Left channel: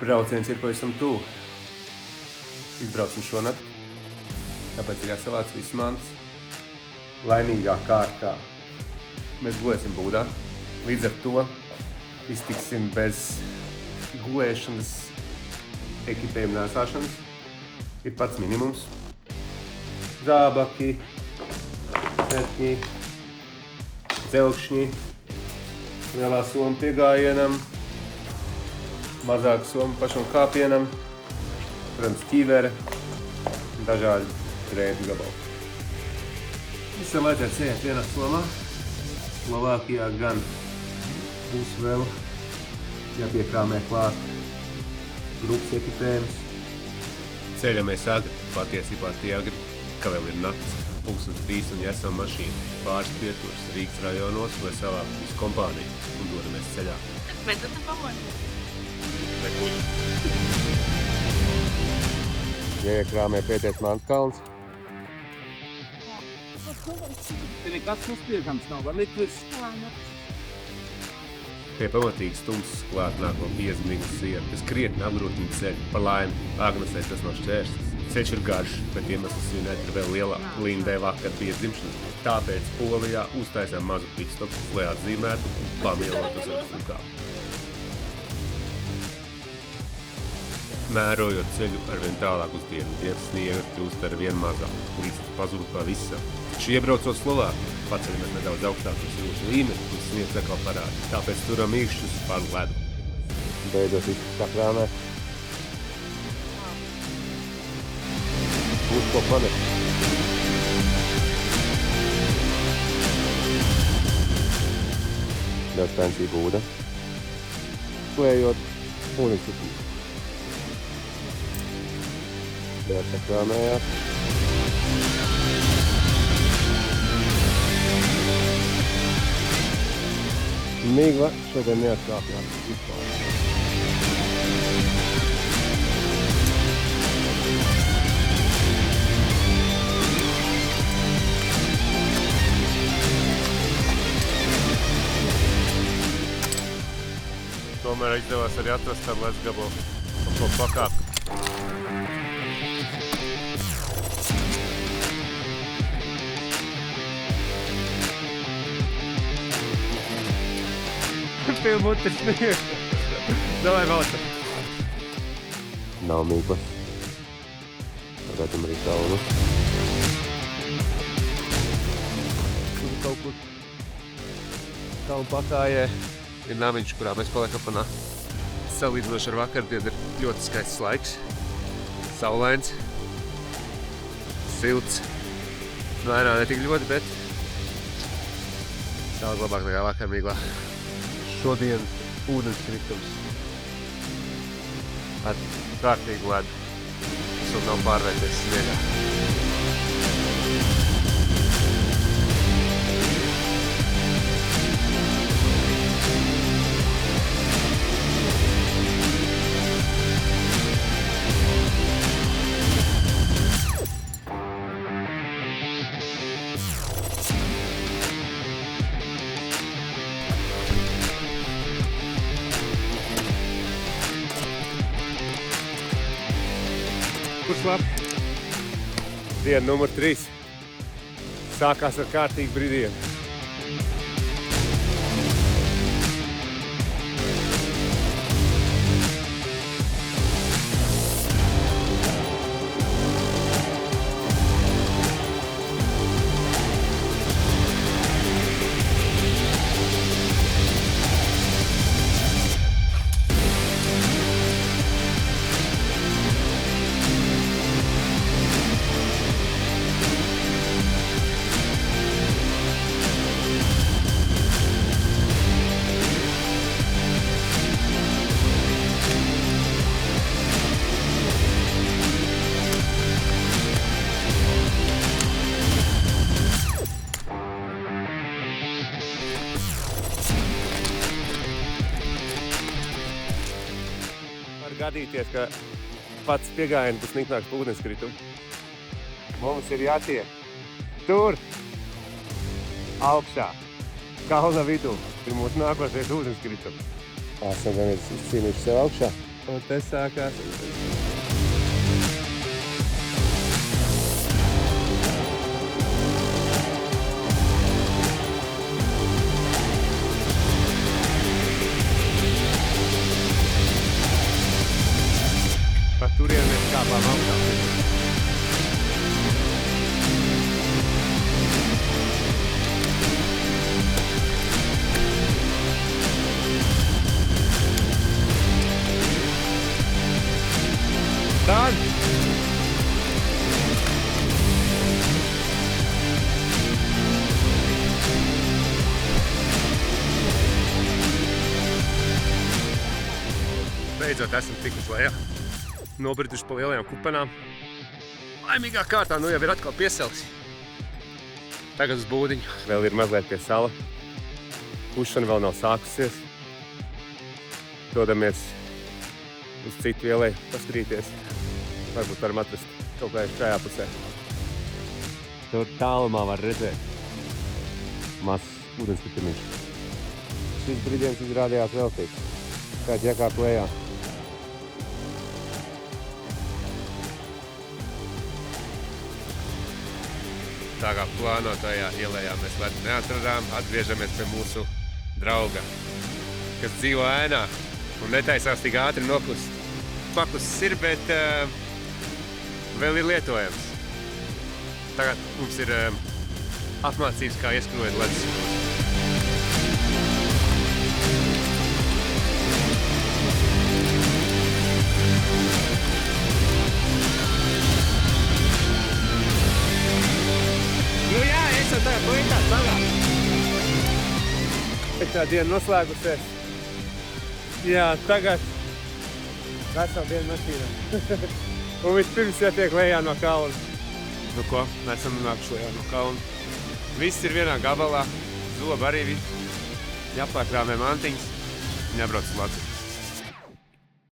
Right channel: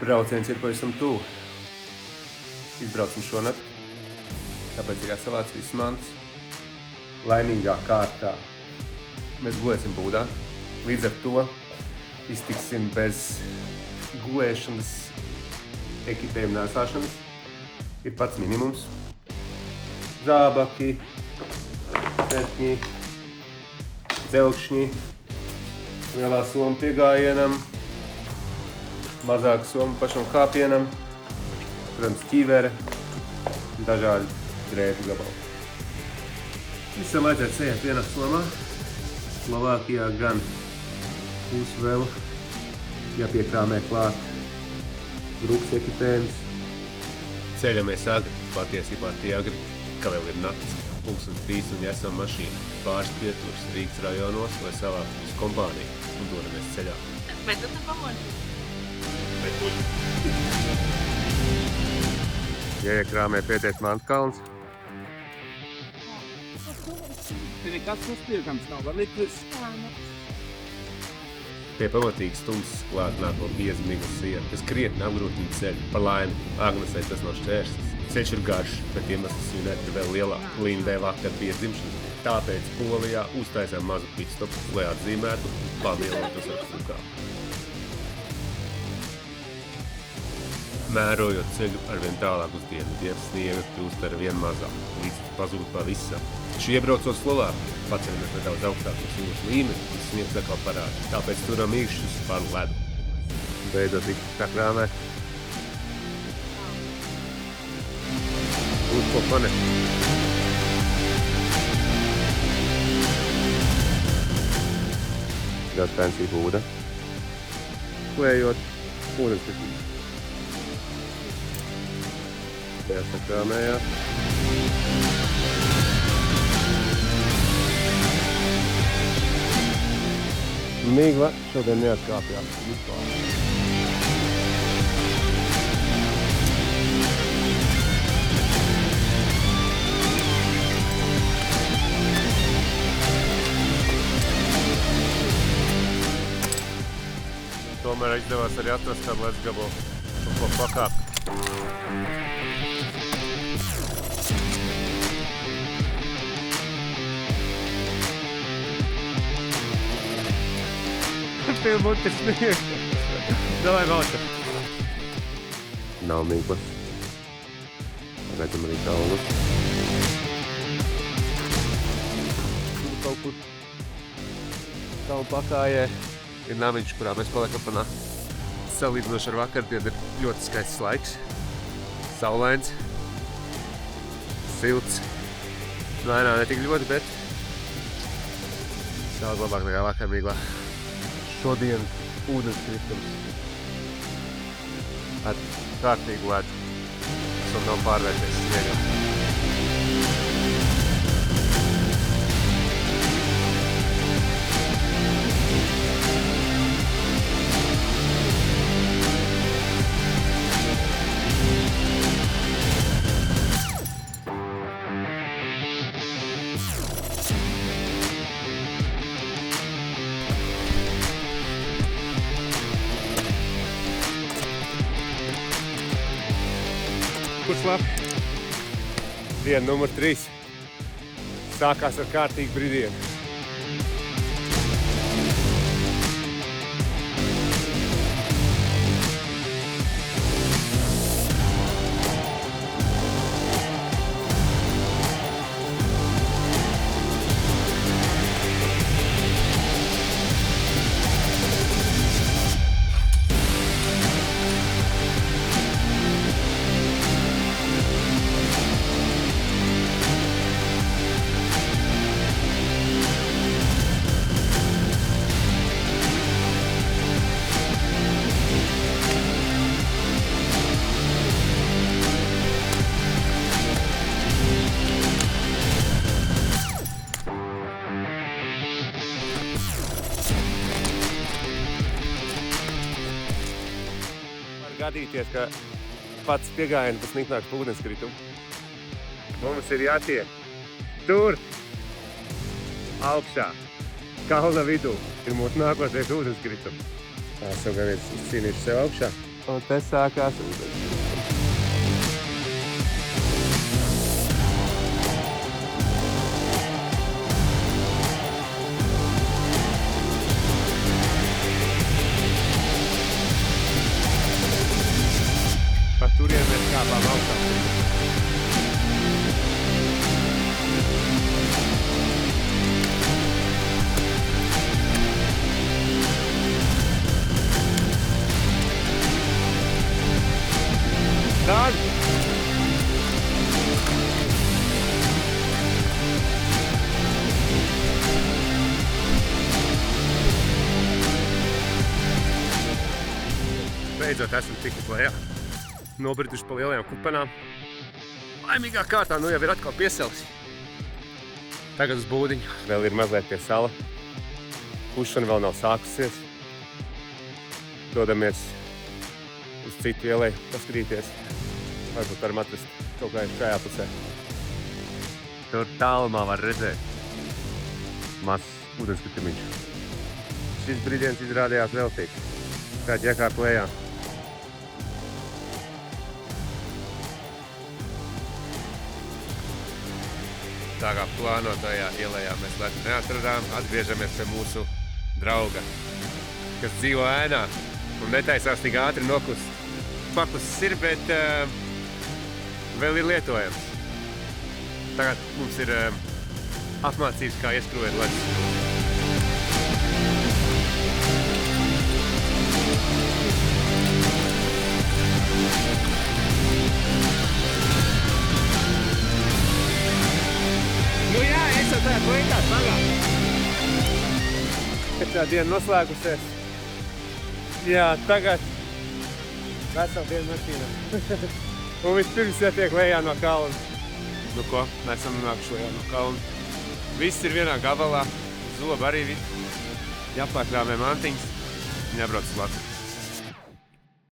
Brauciens ir pavisam tuvu. Izbraucam šonakt, tāpēc ir jāsavāc viss mantas. Laimīgā kārtā mēs gulēsim būdā. Līdz ar to iztiksim bez gulēšanas, ekipējuma nēsāšanas. Ir pats minimums. Zābaki, setņi, dzelkšņi, lielā soma piegājienam, mazāka soma pašam kāpienam, protams, ķīvere un dažādi drēbu gabali. Visam vajadzētu sēžēt vienā somā. Slovākijā gan būs vēl jāpiekrāmē klāt grupas ekipējums. Ceļamies agri, patiesībā tie agri, ka vēl ir nakts, 2:30 un esam mašīna. Pāris pieturas Rīgas rajonos, lai savāktu visu kompāniju un dodamies ceļā. Mēs esam pamodi. Nekuļ. Iekrāmē pēdējais Mantkalns. Te nekas nospiedams nav, var likt viss. Pie pamatīgi stumsas klāt nāko bieza miglas siena, kas krietni apgrūtina ceļu. Par laimi, Agnesei tas nav šķērslis. Ceļš ir garš, bet iemesls svinēt ir vēl lielāk. Lindai vakar bija dzimšanas diena. Tāpēc Polijā uztaisām mazu pitstopu, lai atzīmētu un pamielotos ar kukām. Mērojot ceļu arvien tālāk uz dienvidiem, sniega kļūst arvien mazāk, līdz tas pazūd pavisam. Taču iebraucot Slovākiju, paceļamies nedaudz augstāk virs jūras līmeni, kur sniegs atkal parāda. Tāpēc turam īkšķus par ledu. Beidzot viss sakrāmē. Būs ko panest. Ļoti pensī būda. Klējot ūdenskritums. Liet sakrāmējās. Migla šodien neatkāpjās vispār. Tomēr izdevās arī atrast kādu ledus gabalu, pa ko pakāpt. Pie mutes sniegs. Davai maucam. Nav mīklas. Pagaidam arī taulus. Tur kaut kur kalnu pakājē ir namiņš, kurā mēs paliekam pa nakti. Salīdzinoši ar vakardienu ir ļoti skaists laiks. Saulains. Silts. Vainā ne tik ļoti, bet daudz labāk nekā vakar mīglā. Šodienas ūdenskritums ar kārtīgu ledu, kas vēl nav pārvērties sniegā. Kurš labi? Diena numur 3. Sākās ar kārtīgu brīdienu. Var gadīties, ka pats piegājiens būs niknāks pa ūdenskritumu. Mums ir jātiek tur, augšā, kalna vidū, ir mūsu nākošais ūdenskritums. Esam gan izcīnījuši sev augšā. Un te sākās ūdens krītums. Pa turien mēs kāpām augšā pirmie. Dan! Beidzot esam tikuši lejā. Nobrituši pa lielajām kupenām. Laimīgā kārtā nu jau ir atkal pieselsi. Tagad uz būdiņu. Vēl ir mazliet pie sala. Kušana vēl nav sākusies. Dodamies uz citu ielai paskatīties. Varbūt varam atrast kaut kā šajā pusē. Tur tālumā var redzēt mazs ūdenskritumiņš. Šis brīdiens izrādījās veltīgs. Kāds jākāp lejā. Tā kā plānotajā ielējā mēs ledu neatradām, atgriežamies pie mūsu drauga, kas dzīvo ēnā un netaisās tik ātri nokust. Pakusis ir, bet vēl ir lietojams. Tagad mums ir apmācības, kā ieskrūvēt ledus skrūvi. Nu jā, es jau tagad lietās tagad. Tā diena noslēgusies. Jā, tagad veselu dienu mašīnā. Un vispirms jātiek lejā no kalna. Nu ko, mēs esam nonākuši lejā no kalna. Viss ir vienā gabalā, zoba arī viss. Jāpārkrāmē mantiņas un jābrauc uz Latviju.